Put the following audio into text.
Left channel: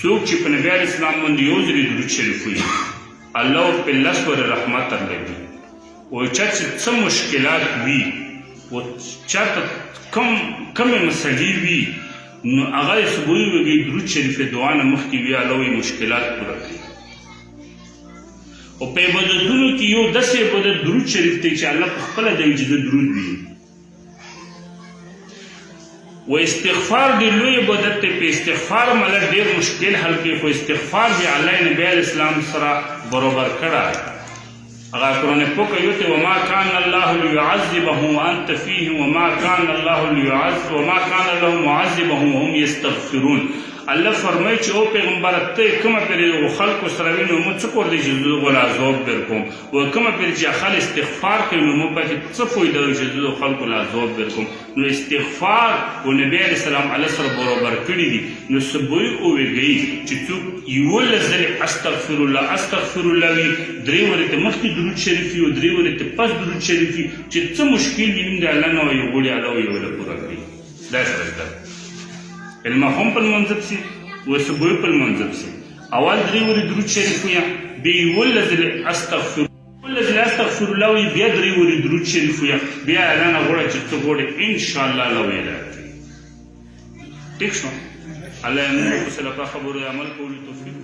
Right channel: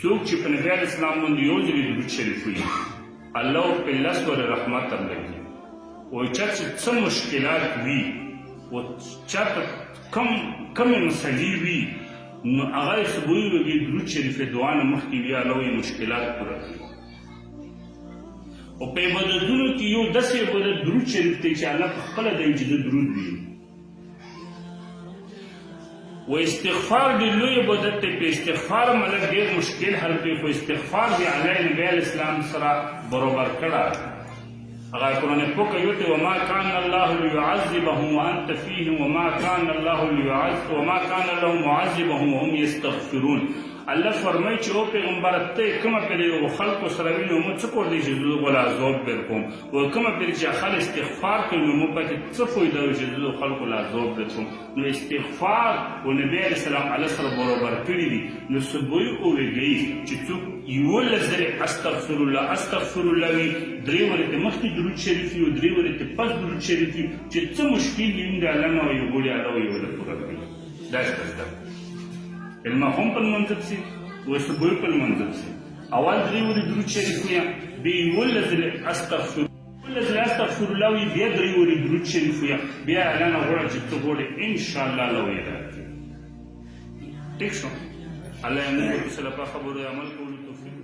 څوک چې په نبي علیه السلام باندې یو ځلې درود شریف وایي الله په لس ورځې رحمت درلګي وایي چا چې څه مشکلات وي و چا ته کمې مسلې وي نو هغه یې صبح وږي درود شریف دعا نه مخکې وي الله وایي مشکلات پوره کوي او په عبادتونو کې یو داسې عبادت درود شریف دی چې الله په خپله دی چې زه درود وي و استغفار ډېر لوی عبادت دی په استغفار ملک ډېر مشکل حل کوي خو استغفار دی الله نبي علیه السلام سره برابر کړی هغه قرآن پاک یوته وما کان الله لیعذبهم وانت فیهم وما کان الله لهم معذبهم وهم یستغفرون الله فرمایي چې او پیغمبر ته کومه پرې خلکو سره وینو موږ څه کور دی چې زه ولا عذاب درکوم و کومه پرې چې خلک استغفار کوي نو موږ پکې څه فایده وي چې زه خلکو لا عذاب درکوم نو استغفار و نبی علیه السلام الله سره برابر کړي دي نو صبح وویږي چې څوک یولس ځلې استغفر الله وي درې ورځې مخکې درود شریف وي او درې ورځې پس درود شریف وي چې څه مشکل وي د الله نه وایي غواړي الله وایي ولا پوره کوي دا المهم په المنځب سي و صبح په المنځب سي اول درې ورځې درود شریف وي بیا یولس ځلې استغفر الله وي بیا درې ورځې درود شریف وي بیا الله نه غواړي چې څه غواړي انشاءالله الله وایي راکړي ټیک شو الله یې موږ سره په خبرو عمل کولو توفیق